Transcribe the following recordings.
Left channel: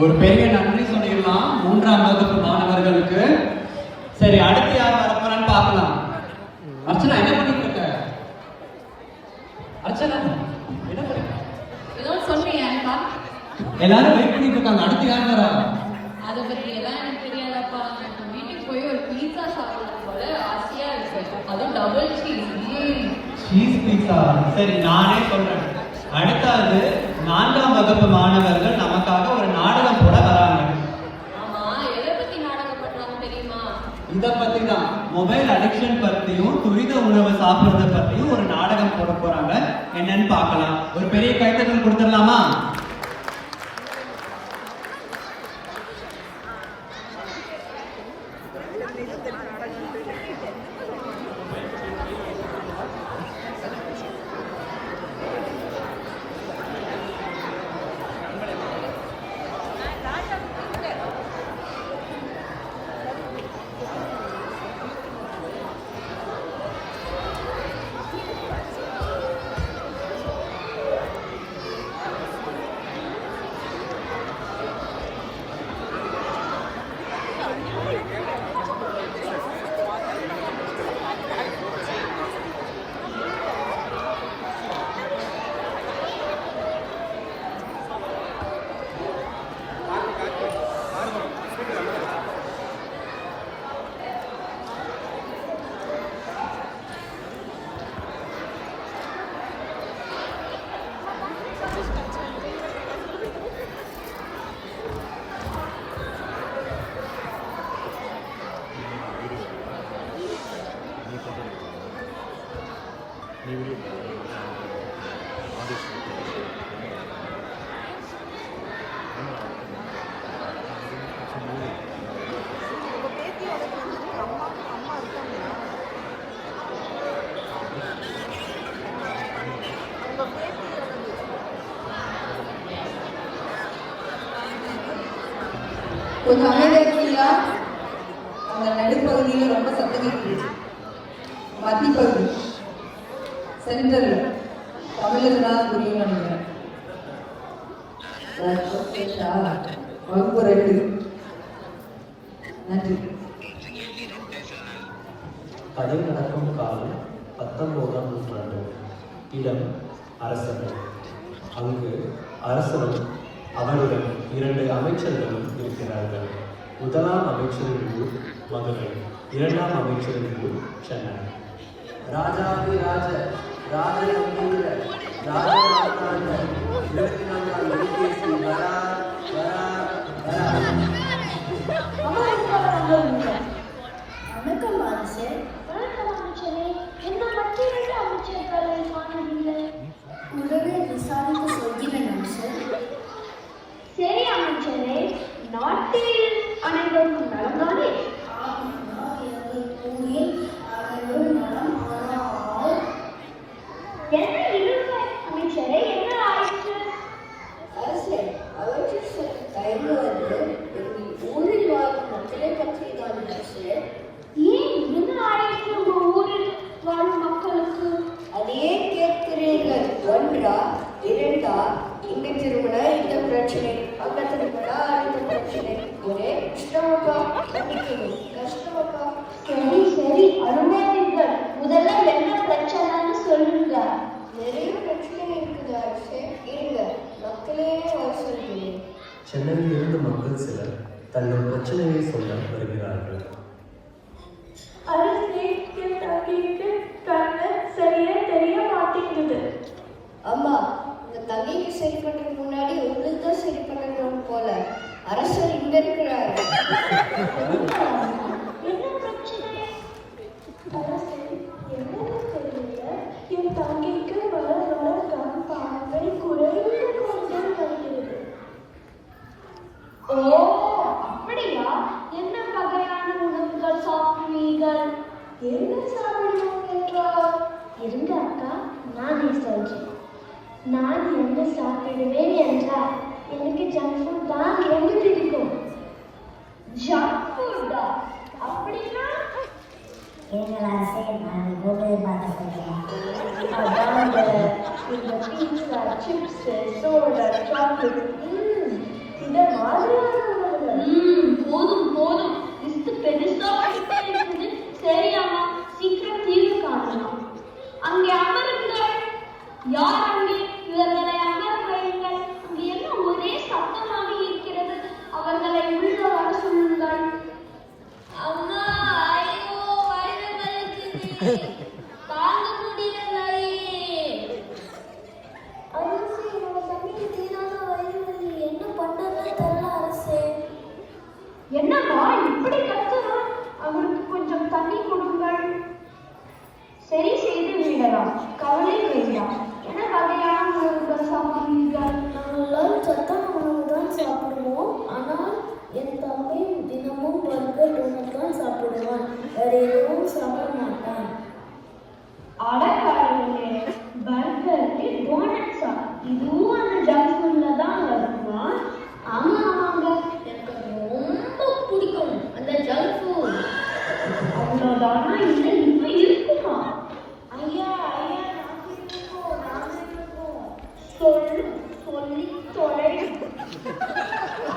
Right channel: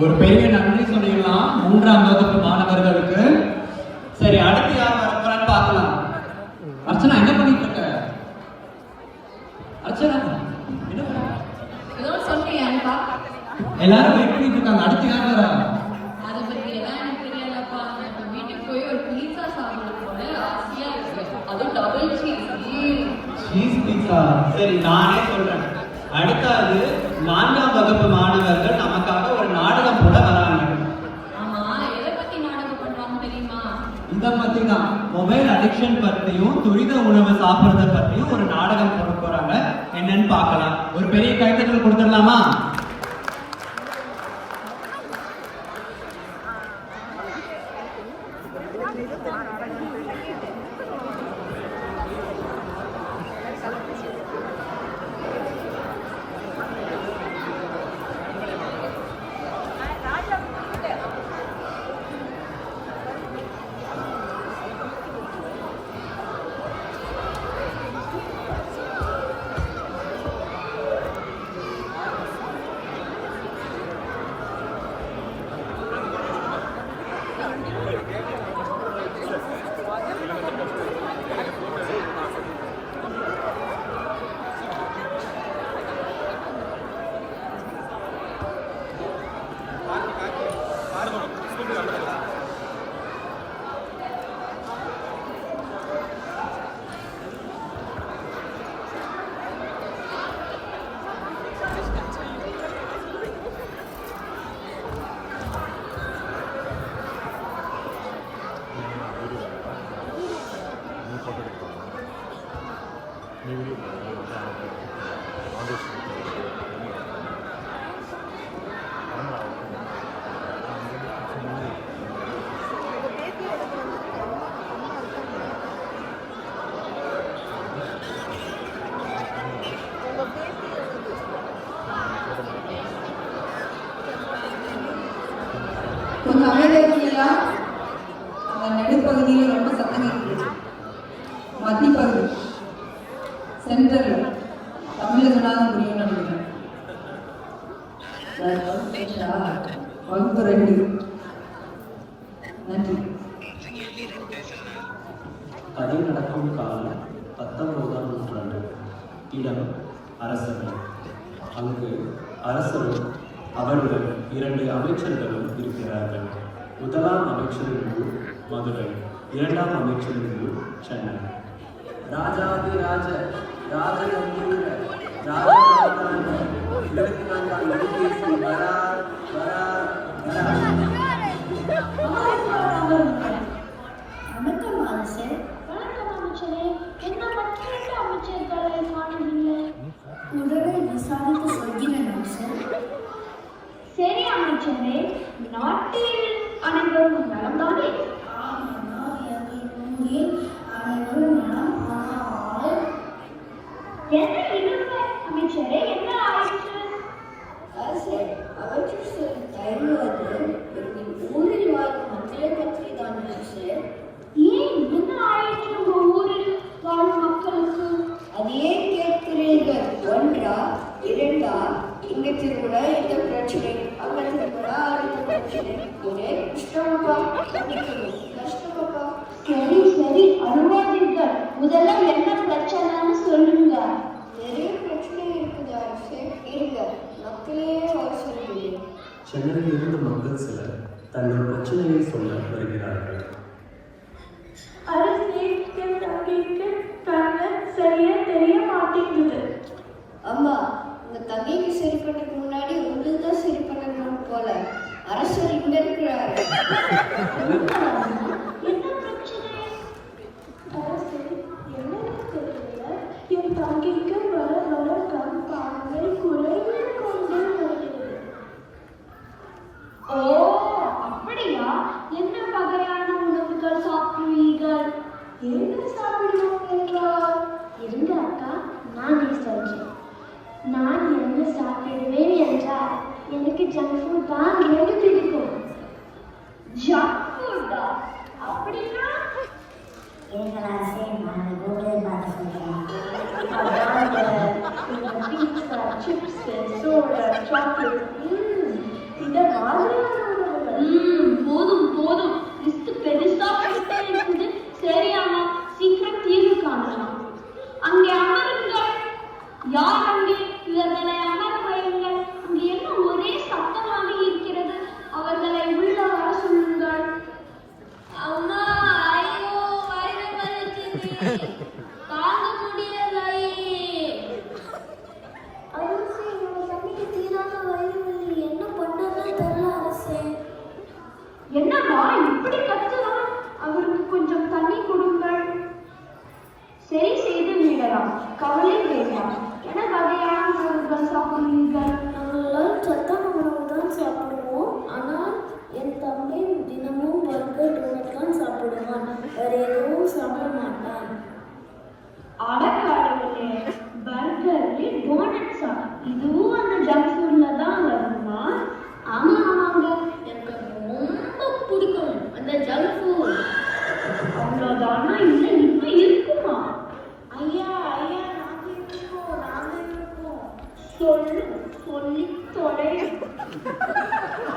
ஒரு பெரிய நன்றி சொல்லிடலாம் 3ஆம் வகுப்பு மாணவர்களுக்கு. சரி, அடுத்து யார் வரப்போறான்னு பார்க்கலாம். அர்ச்சனா என்ன பண்ணிட்டு இருக்க? அர்ச்சனா எல்லாரும் வெயிட் பண்ணிட்டு இருக்காங்க. அடுத்து யார் வரா? அதை பத்தி எல்லாம் எனக்கு தெரியாதப்பா. நான் வீட்டுக்கு போய் ஒரு பீட்சா சாப்பிடணும் போல ஆசையா இருக்கு. அதுவும் டபுள் சீஸ் பீட்சா. சரி, நானே சொல்றேன். அடுத்தது 4ஆம் வகுப்பு மாணவர்கள் நமக்காக ஒரு நாடகம் போட வராங்க. ஆமா, எதை பத்தி நாடகம் பண்றாங்க தெரியுமா? இதை பத்தி தான், மொபைல் அடிக்ஷன் பத்தியும் துரித உணவு சாப்பிடுறத பத்தியும் ஒரு நாடகம் போட போறாங்க. என்னன்னு பார்க்கலாம். ஒரு பெரிய கைத்தட்டல் கொடுத்துடலாமா? நடுப்பகுதியில் ரொம்ப சத்தம் மத்திப்பகுதி சென்டர்ல தமிழர்களால் புரிய வகுப்பு 2. நன்றி. கதை நடக்கும் காலம் 19ஆம் நூற்றாண்டு. இடம் அரசர்கள். அங்கு அரசரும் அவருடன் 2 அமைச்சர்களும் இருக்கிறார்கள். முதலாம் அமைச்சரின் ஊர் மதுரை, 2ஆம் அமைச்சரின் ஊர் சென்னை. ராஜாதிராஜ ராஜகம்பீர வணக்கம் அரசர். வணக்கம் அமைச்சரே. என்ன மற்றொரு அமைச்சர்களை காணவில்லை. உடலை விசாரித்து சொல்கிறேன் அமைச்சர். சரி அமைச்சரே, நாட்டில் அனைவரும் நலம்தானே? அனைவரும் நலம். என்ன இல்லை அமைச்சரே, என்ன ஆயிற்று? அரசர், அவற்று தயங்குவது ஊரில் வாழும் மக்களை பற்றி தான் அரசர். ஏன், என்ன ஆயிற்று உங்க ஊரில் வாழும் மக்களுக்கு? அதையே கேட்கிறீர்கள். 1ஆ 2ஆ? இங்க திருவிழா இந்த பிரச்சனை, அங்க திருவிழா இந்த பிரச்சனை. ஒரே கஷ்டமாப்பா, கஷ்டமாப்பா. சரி சரி, அனுமதிங்கள். முதல்ல என்ன பிரச்சனைன்னு சொல்லுங்க. நிறைய பிரச்சனை இருக்குது அரசே. இருங்க, மக்களே சொல்லுங்க. சென்னையில் இருந்து மக்கள் சிலர் தங்கள் பிரச்சனையை சொல்ல வருகிறார்கள். அரசே, என் தங்கைக்கு கண்ணு சரியா தெரிய மாட்டேங்குது. அம்மா, உங்க தங்கைக்கு சரி பண்றதுக்கு முன்னாடி உங்களுக்கு தான் சரி பண்ணணும் போல. அரசர் இங்க இருக்கிறார். என்ன பிரச்சனை? அரசே, என்னன்னு தெரியல. என் தங்கைக்கு வர வர கண் பார்வை குறைவு கொண்டே வருகிறது. ஓ, அப்படியா? என்ன வகையான உணவுகள் சாப்பிடுவீர்கள்? என்ன சாப்பிடுவீர்கள்? இருங்க அக்கா, நானே சொல்றேன். நான் என்ன சாப்பிடுவேன் என்றால் எனக்கு ஜங்க் ஃபுட் தான் ரொம்ப பிடிக்கும். ஜங்க் ஃபுட்டா? அப்படின்னா எங்கள் அரசே, நான் ஹோட்டல் பார்த்து சொல்றேன். இந்த பீட்சா, சிப்ஸ், சோடா, சாக்லேட் இந்த மாதிரி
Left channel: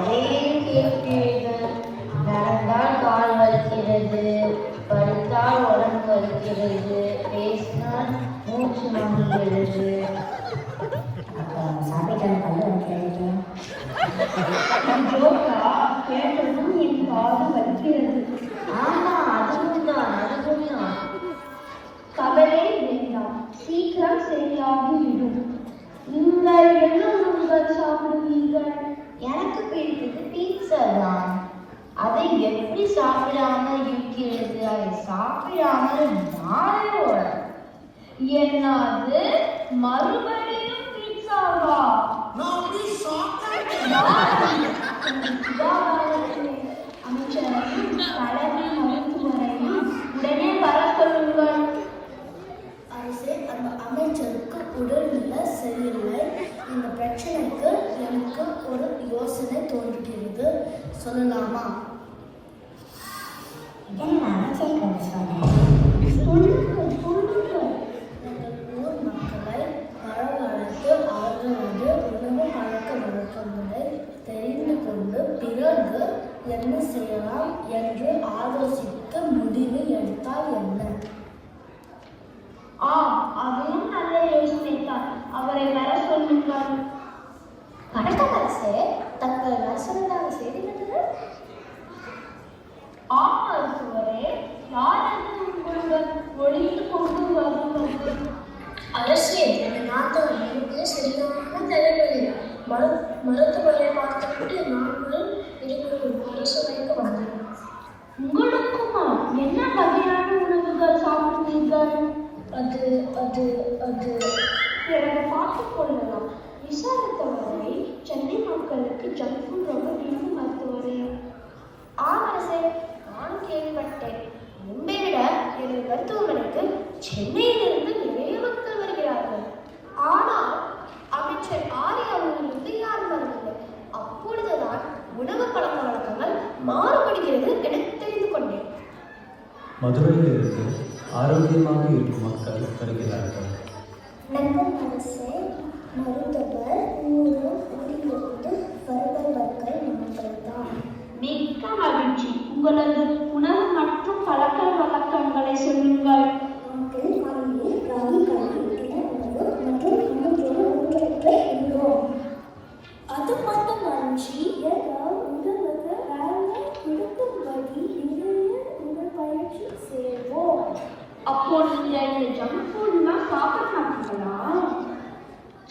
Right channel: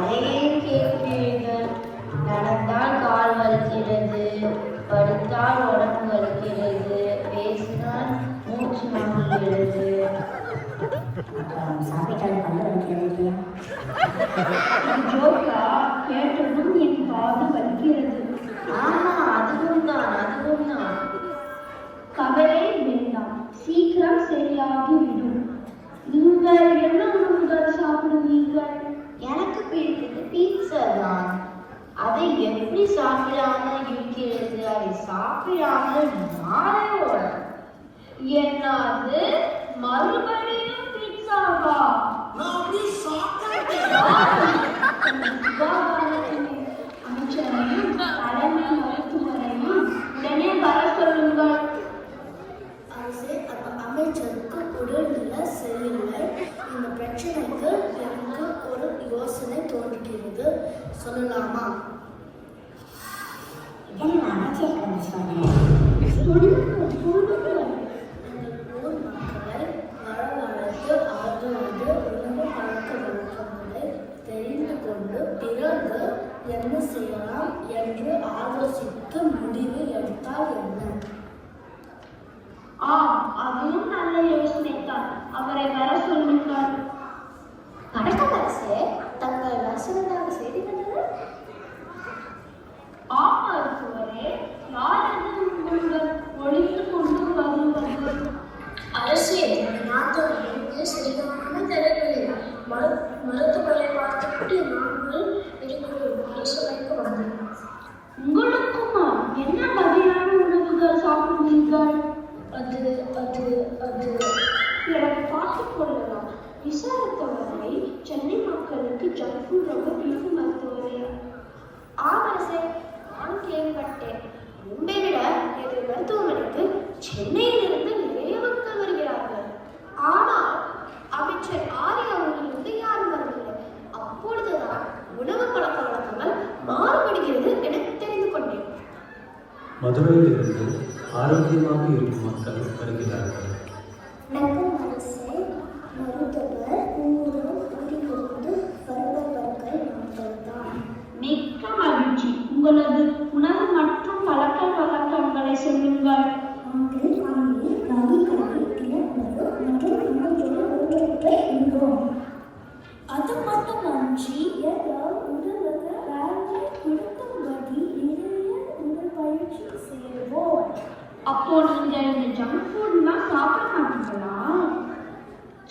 அதையே கேட்கிறீர்கள். நடந்தால் கால் வலிக்கிறது, படித்தால் உடம்பு வலிக்கிறது, பேசினால் மூச்சு வாங்குகிறது. கேட்டதும் என் காது வலிக்கிறது. ஆமா, அதுதான். கவலை வேண்டாம், சீக்கிரம் சரியாகிவிடும். நீங்கள் என்ன உணவுகள் சாப்பிடுவீர்கள்? எனக்கு பிடித்தது பீட்சா தான். அதை எப்படி சாப்பிடாமல் இருக்கிறது? அதை சாப்பிடாமல் நானே என்னது மறுபடியும் பீட்சாவா? அமைச்சரையும் தலைமை மருத்துவரையும் உடனே வர சொல்லுங்கள். அந்த அமைச்சருக்கு உடல்நிலை சரியில்லை. இந்த பிரச்சனைக்கு எனக்கு ஒரு யோசனை தோன்றுகிறது, சொல்லலாமா? ஊர் மக்களை வரவழைத்து அவர்களது உணவு பழக்க வழக்கங்களை தெரிந்து கொண்டு பிறகு என்ன செய்யலாம் என்று ஆலோசித்து முடிவு எடுத்தால் என்ன? அதுவும் நல்ல யோசனை தான். அவரை வர சொல்லுங்கள். அரசே, தங்கள் அரசனாக செய்திருந்தது? மருத்துவரே, யார் அது உங்களுடன் ஒழித்து கொண்டு வருவது? அரசே, நாட்டோட சரியான தெரியவில்லை. மருத்துவரை பார்த்துவிட்டு நாங்கள் இருக்கும் அரசவைக்கு வந்தோம். உங்களுக்குமா என்ன வகையான உணவுகள் சாப்பிடுவீர்கள்? அது எனக்கு பார்த்துக் கொள்ளலாம். விசாரித்தவரை சென்னை மக்களுக்கு ஜங்க் ஃபுட் ரொம்ப பிடிக்கும் மருத்துவரே. அரசே, நான் கேள்விப்பட்டேன். முன்பை விட எனது மருத்துவமனைக்கு சென்னையிலிருந்து நிறைய மக்கள் வருகிறார்கள். ஆனால் அமைச்சர் ஆரிய அவர்களிலிருந்து யாரும் வரவில்லை. அப்பொழுதுதான் உணவு பழக்க வழக்கங்கள் மாறுபடுகிறது என தெரிந்து கொண்டேன். மதுரையில் இருந்து ஆரோக்கியமாக இருக்கும் மக்கள் வருகிறார்கள். மிக்க மகிழ்ச்சி. உங்களது உணவு மற்றும் பழக்க வழக்கங்களை சொல்லுங்கள். அது மட்டும் நன்றி. அப்போ நீங்க இந்த ஜங்க் ஃபுட்லாம் சாப்பிட மாட்டீங்களா?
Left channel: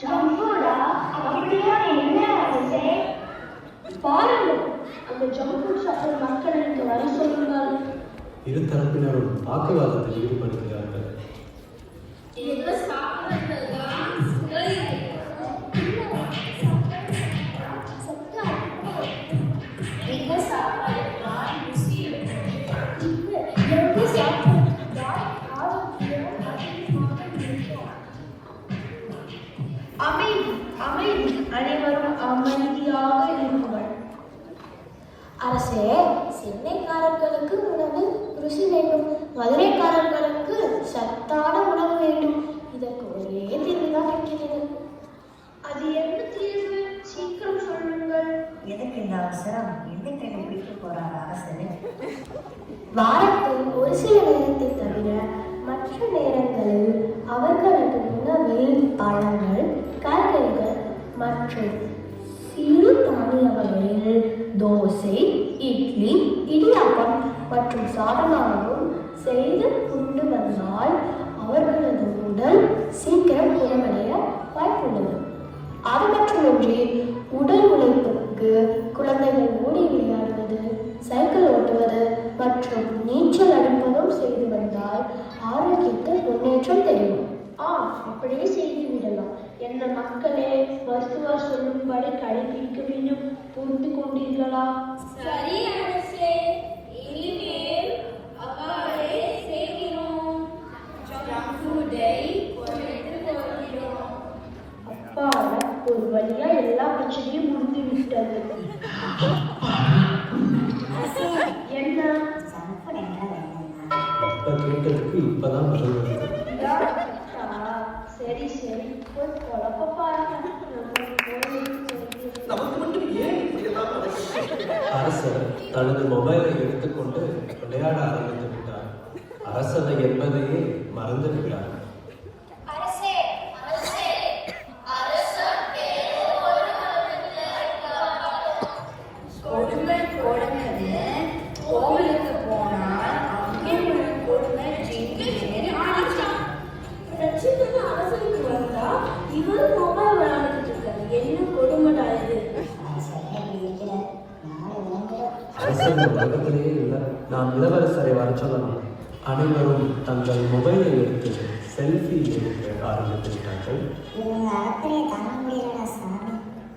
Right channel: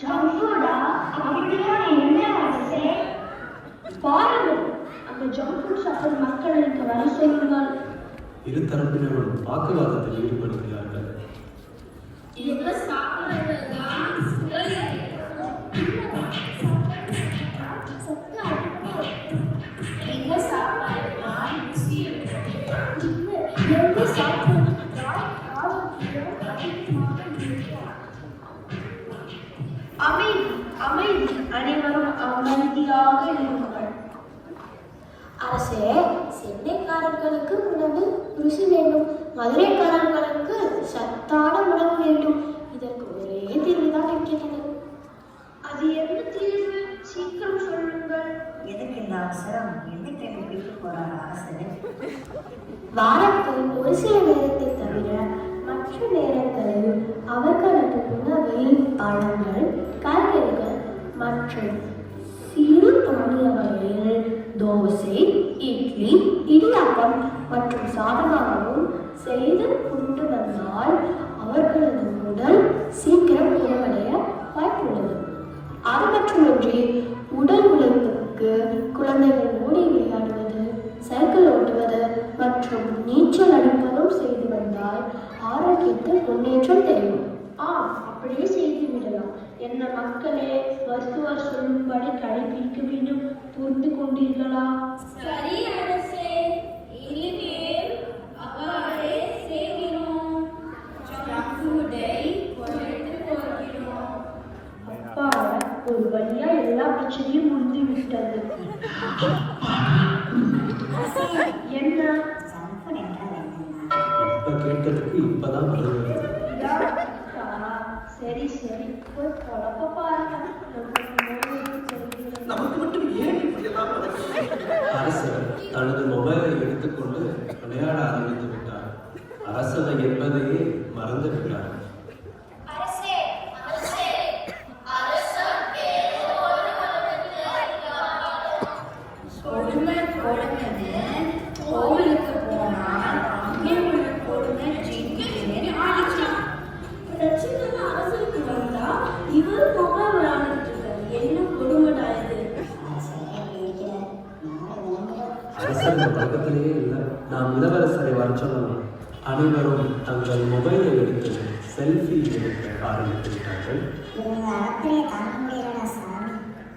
ஜங்க் ஃபுட்டா? அப்படியா? என்ன அரசே? பாருங்க, அந்த ஜங்க் ஃபுட் சாப்பிடும் மக்களுக்கு வர சொல்லுங்கள். இரு தரப்பினரும் வாக்குவாதத்தில் ஈடுபடுகிறார்கள். அமைதி, அனைவரும் அமைதியாக இருங்கள். அரசே, சென்னைக்காரர்களுக்கு உணவு ருசி வேண்டும், மதுரைக்காரர்களுக்கு சத்தான உணவு வேண்டும். இதற்கு ஒரே தீர்வுதான் இருக்கிறது. அது என்ன தீர்வு? சீக்கிரம் சொல்லுங்கள். எதுக்கு இந்த அவசரம்? என்னைக்கு வீட்டுக்கு போறாங்க அரசு? வாரத்தில் ஒரு சில நேரத்தை தவிர மற்ற நேரங்களில் அவர்களது உணவில் பழங்கள், காய்கறிகள் மற்றும் சிறு தானிய வகைகள், தோசை, இட்லி, இடியாப்பம் மற்றும் சாதமாகவும் செய்து கொண்டு வந்தால் அவர்களது உடல் சீக்கிரம் நிறைவடைய வாய்ப்புள்ளது. அது மட்டுமின்றி உடல் உழைப்புக்கு குழந்தைகள் ஓடி விளையாடுவது, சைக்கிள் ஓட்டுவது மற்றும் நீச்சல் அடிப்பதும் செய்து வந்தால் ஆரோக்கியத்தில் முன்னேற்றம் தெரியும். அப்படியே செய்து விடலாம். என்ன மக்களே, மருத்துவர் சொல்லும்படி கடைபிடிக்க வேண்டும். புரிந்து கொண்டீர்களா? சரி அரசே, இனிமேல் அவ்வாறே செய்கிறோம். ஜங்க் ஃபுட்டை குறைத்துக் கொள்கிறோம். அப்பாடா, ஒரு வழியா எல்லா பிரச்சனையும் முடிந்து விட்டது. என்ன? அப்ப கேட்டதுக்கு இப்பதான் வருவது. சரி சரி, போய் குழப்ப பாருங்க. நமக்கு மட்டும் ஏன் இப்படி எல்லாம் அரசர் தனது மொபைலை எடுத்துக்கொண்டு விளையாட ஆரம்பித்து விட்டார். அரசனை என்பதையே மறந்து விட்டார். கோவிலுக்கு போனா அங்கே ஒரு கொடுமை ஜிங்கின்னு ஆடிச்சான். பிரச்சனை அரசனுக்கு வந்தா இவரும் மொபைல் விளையாடிட்டு இருக்காரு. என்ன கொடுமைடா இது? அரசர் இந்த உலகத்திலேயே இல்லை. நாம் இளவரசரை வர சொல்லலாம். அனைவரும் தங்கள் மொபைலை எடுத்து செல்ஃபி எடுக்க ஆரம்பித்து விட்டார்கள். இவங்க அறத்திலே தாங்க முடியலடா சாமி.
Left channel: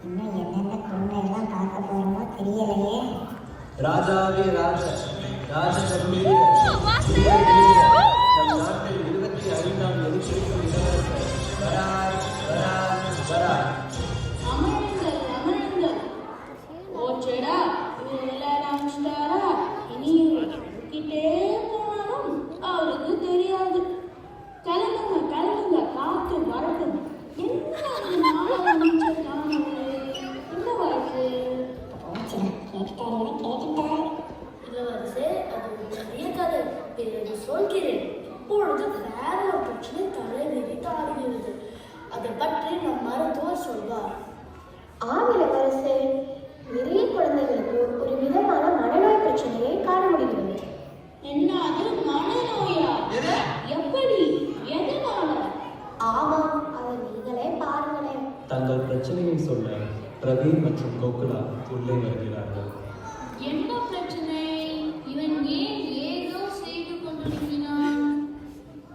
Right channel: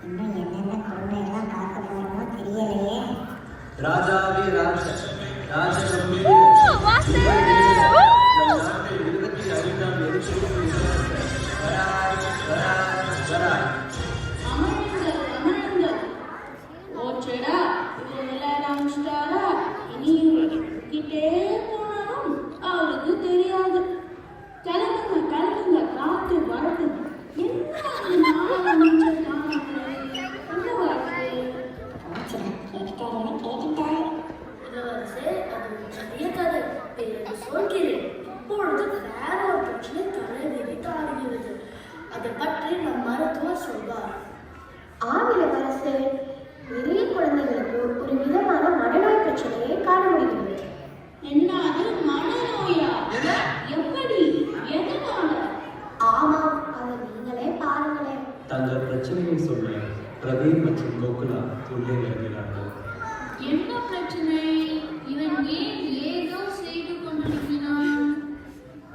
இன்னும் என்னென்ன கொடுமையெல்லாம் பார்க்க போறோமோ தெரியலையே. ராஜாவே ராஜ ராஜ ஓச்சடா விளையாட முடிச்சிட்டாரா? இனி கிட்டே போனாலும் அவருக்கு தெரியாது. கிளம்புங்க கிளம்புங்க, காத்து வரட்டும். என்ன சொல்கிறேன். இப்பொழுது வேற ஒரு பிரச்சனை தலைவிரித்து ஆடுகிறது. அதை பற்றி நம் மருத்துவர் சொல்வார். ஆங்கிலரசு நிறைய குழந்தைகளுக்கு ஒரு விதமான மனநோய் பிரச்சனையை காண முடிகிறது. என்னது மனநோயா? எப்படி? எதனால? ஆமாம், அதை நீங்களே பாருங்களேன். தங்கள் பிரச்சனையை சொல்ல பிரவீன் மற்றும் கோகுலா உள்ளே வருகிறார்கள். என்ன பிரச்சனை? இவன் ஏன் ஏதோ செய்து கொண்டிருக்கிறான்?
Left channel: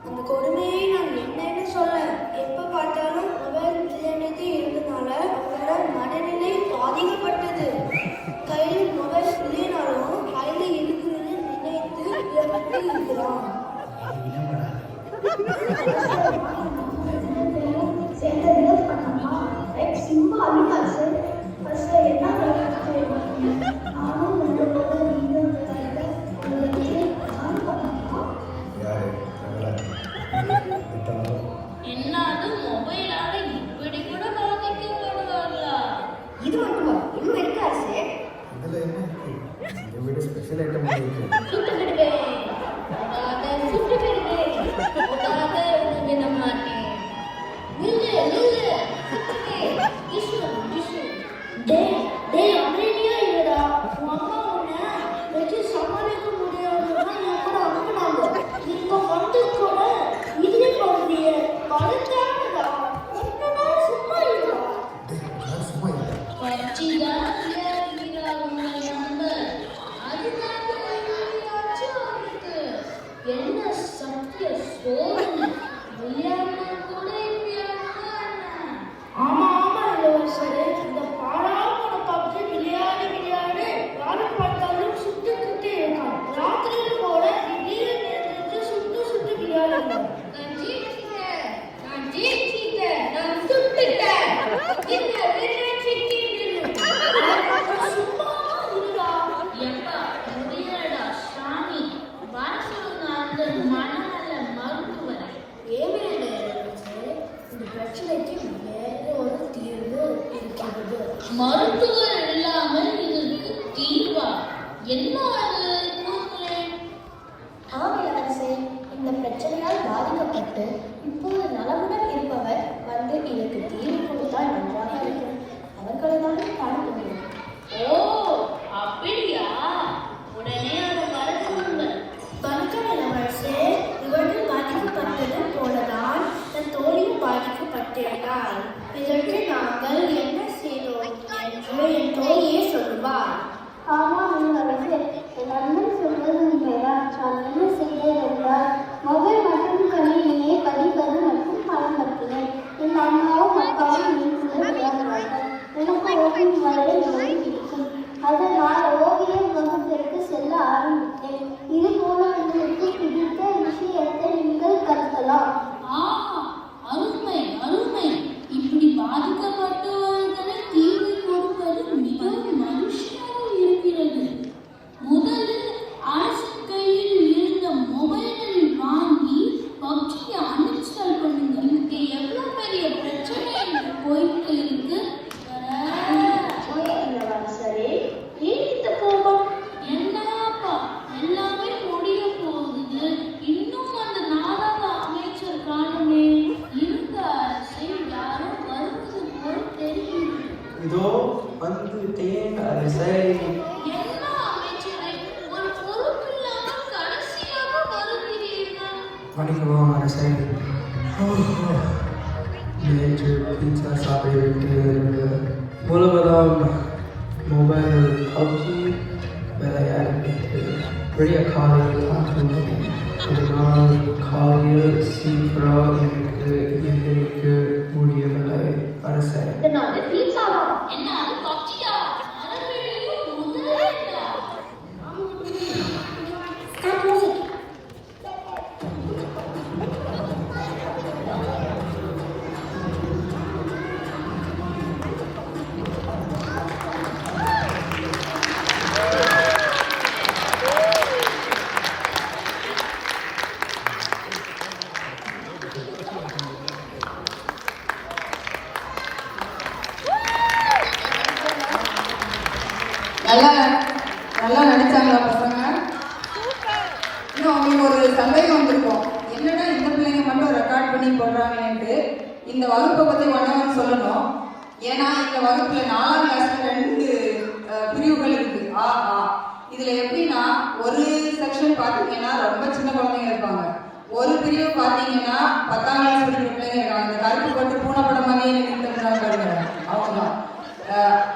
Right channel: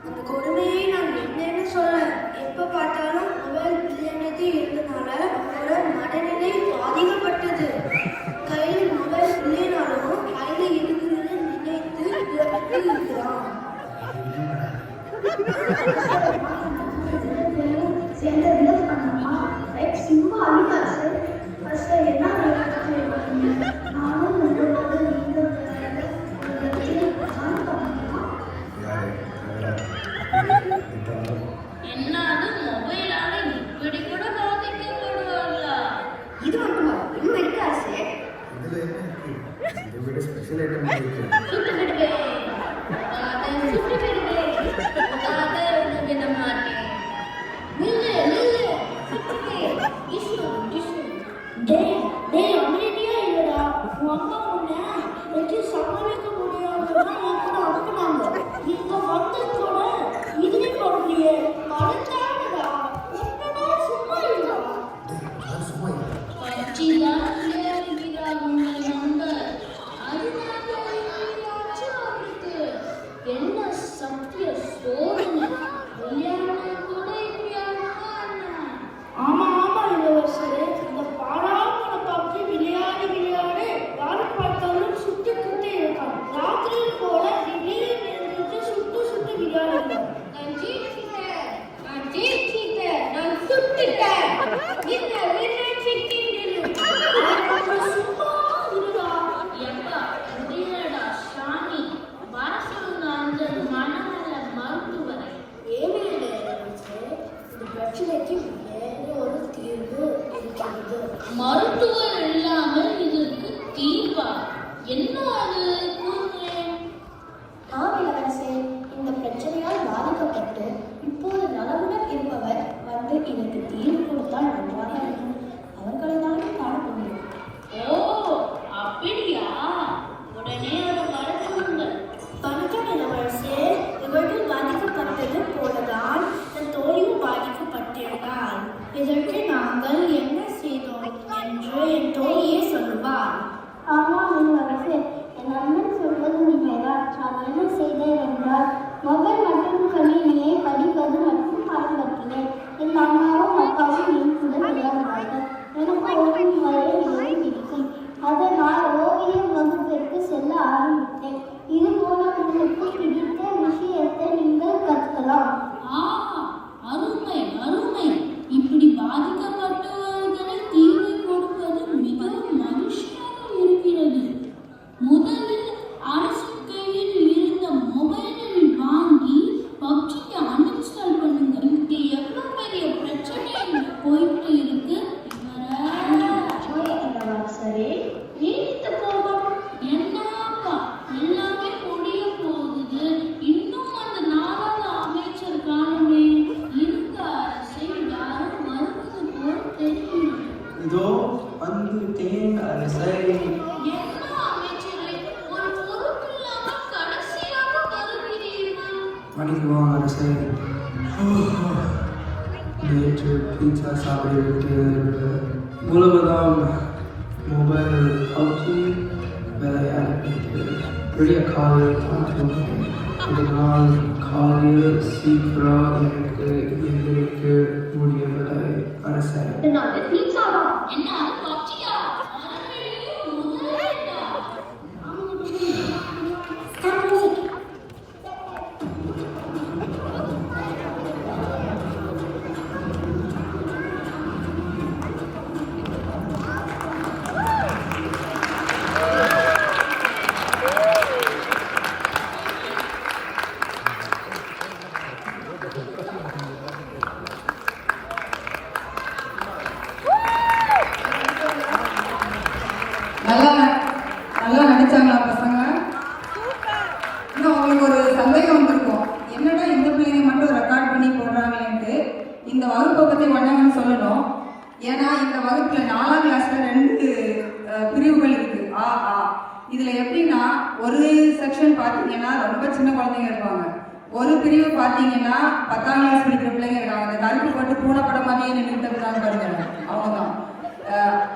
அந்த கொடுமையை நான் என்னன்னு சொல்ல. எப்ப பார்த்தாலும் மொபைல் விளையாடிட்டே இருந்தனால அவரோட மனநிலை பாதிக்கப்பட்டது. கையில் மொபைல் இல்லைனாலும் கையில இருக்கிறது நினைத்து இருக்கிறான். சும்மா அழுகாசு. என்ன நானும் என்னது மொபைலால இப்படி கூட பாதிக்கப்படுவார்களா? இது மட்டுமா இன்னும் இருக்கு அரசே. சுட்டு விடுவேன், சுட்டு விடுவேன், விட மாட்டேன். நில்லு நில்லு, அமைதியா இல்லடா. உங்க அம்மா உன்னை வச்சு சமாளிக்க முடியாதுன்னா கூட அனுப்புனாங்க. நீங்க வந்து கூட இதுவே போடுறீங்க. அழுத்தாடா என்னடா சும்மா இல்லடா. பச்சிதான் விளையாடுகிறார் உங்கள் நண்பர். அது மட்டும் இல்லையாச்சு அவருக்கு என்ன சத்திய சோதனை. விளையாடுறது கூட இப்படியானா? ஆமா ஆமா இளவரசரே, இந்த பாராமோட பப்ஜி விளையாடி யாரு பார்த்தாலும் சுட்டு குத்தி இருக்கான். ராத்திரியில கூட திடீர்னு சுட்டு சுட்டு விளையாடுறான். நான் ஜெயிச்சிட்டேன், நான் ஜெயிச்சிட்டேன், நான் சுட்டுட்டேன். இந்த விளையாட்டுக்கு சும்மா இருடா. எப்பா முடியலடா சாமி. வர சொல்லுங்க அந்த மனநல மருத்துவரை. ஏவிலே இந்த பிரச்சனைக்கு வேற ஒரு தீர்வு இருக்கிறது. மருத்துவர் இல்லாமல் இதற்கு தீர்வா? என்ன அது கூறுங்களேன். ஆங்கிலரசே, இந்த பிரச்சனையால் பாதிக்கப்பட்டு இப்போது நலமுடன் இருப்பவர் வந்து இதற்கு தீர்வு கொடுத்தால் நன்றாக இருக்கும். அவர்களை தான் காண முடியும். ஓ அப்படியா? உடனே அவர் வர சொல்லுங்கள். வணக்கம் இளவரசே, இவர்கள் பாதிக்கப்பட்டது போலதான் தன் தோழியும் பாதிக்கப்பட்டிருக்கிறாள். இதற்கு நாங்கள் என்ன செய்தோம் என்று என் தோழியே சொல்லுவார். ஆமாம் இளவரசே, என் அண்ணன் சொல்வது உண்மைதான். நான் என்ன செய்தேன் என்றால் மொபைல் மற்றும் கணினியை படிப்பது மற்றும் பழம்பற்றினேன். என் அம்மாவும் அப்பாவும் என் கூட விளையாடுவார்கள். எனக்கு ஓவியங்களை எழுதி பிடிக்கும். அதனால் ஓவியம் வகுப்பிற்கு செல்ல ஆரம்பித்தேன். இது போல உங்களுக்கு பிடித்த விஷயத்தை நீங்கள் கற்கலாம். ஆஹா, அருமை அருமை. இப்படி பாதிக்கப்பட்டவர்களை தீர்வு கொடுப்பது மிகவும் மனுஷனாக இருக்கிறது. என்ன அமைச்சரே, ஒரு பொறுப்பில்லாம கடைசியாக வருகிறீர்கள். மன்னிக்கவும் அரசே. நேற்று பீட்சா சாப்பிட்டு முழுவதும் மொபைல் பப்ஜி விளையாடிட்டு பெரிய காலையில் ஒரு நாள் காலையில் சீக்கிரம் எனக்கு எந்திரிக்க முடியவில்லை அரசே. இதனால பீட்சாவா? என்ன அது பப்ஜியா? அரபியிலும் முதல்ல நல்லா நடிச்சாங்களா பசங்க? இன்னும் அவங்களுக்கு ஒரு சந்தேகம் வந்திருக்கும், என்னடா இந்த பிள்ளைங்க மட்டும் ரெக்கார்ட் பண்ணி போடுறாங்கன்ட்டு. இந்த வகுப்பை பத்தி ஒன்றையும் சொல்லணும். ஏன்னா இந்த வகுப்புல 4ஆம் கிளாஸ்ல 2 பிரிவுகள் இருக்கு. இதுல எப்படின்னா ஒரு செக்ஷன் பாத்தீங்கன்னா ரொம்ப சின்ன குழந்தைங்க இருப்பாங்க, ஒரு பிரிவு பாத்தீங்கன்னா 10ஆம் கிளாஸ் படிக்கிற பிள்ளைங்க இருக்காங்க. இந்த கருப்பு போட்டு பூனை படம் மாதிரியே நிறுத்தப்படுறாங்க. அவங்கதான்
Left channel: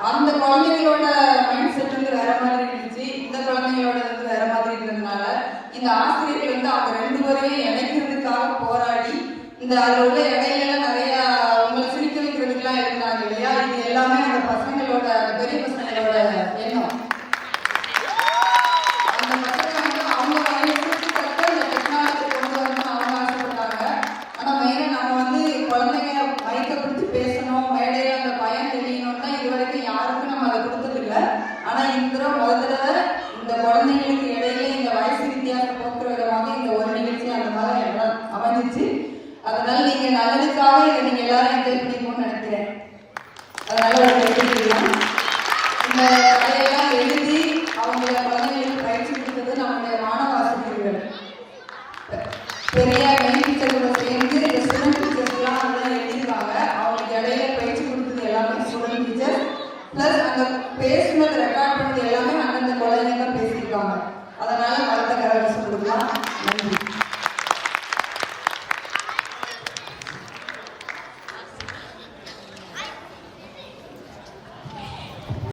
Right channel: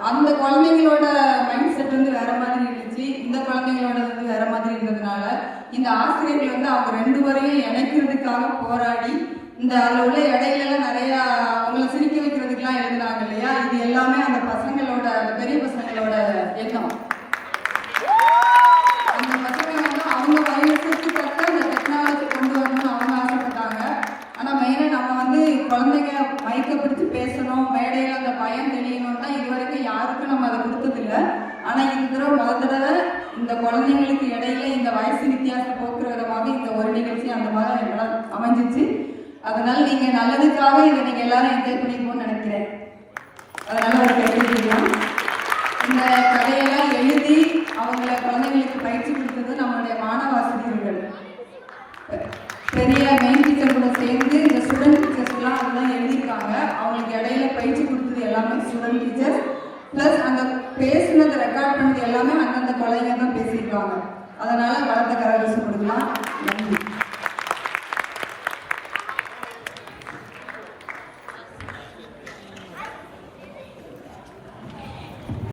அந்த குழந்தைங்களோட மைண்ட் செட் வந்து வேற மாதிரி இருந்துச்சு, இந்த குழந்தைங்களோட வந்து வேற மாதிரி இருந்ததுனால இந்த ஆசிரியர்கள் வந்து அவங்க 2 பேரையும் இணைக்கிறதுக்காக போராடி இந்த அதில் உள்ள இடையில நிறைய அவங்களை சிரிக்க வைக்கிறதுக்குலாம் இருந்தாங்க இல்லையா. இது எல்லாமே அந்த பசங்களோட பெரிய பசங்களோட எண்ணம். அந்த பசங்க வந்து அவங்க கையில சுற்றுப்பட்டு அந்த டெக்னாலஜி கொண்டு வரணும்னு அவங்க ஆசைப்பட்டாங்க. ஆனா மெயினா நம்ம வந்து குழந்தைங்க மைக்கப்படுத்தி பேசணும், மேடையில அந்த பயம் தெரியணும்னா இது வரைக்கும் யாருக்கும் நம்ம அதை கொடுத்ததில்லை. ஆனா இந்த தடவை இந்த குழந்தைங்களுக்கு இடையில இந்த வயசு வித்தியாசம் போக்குற விதமாக இந்த ஒரு நிகழ்ச்சி அந்த மாதிரி அமைஞ்சிச்சு. அதனால நீங்க நல்லதுக்காக இதை நீங்க எல்லாரும் என்ஜாய் பண்ணி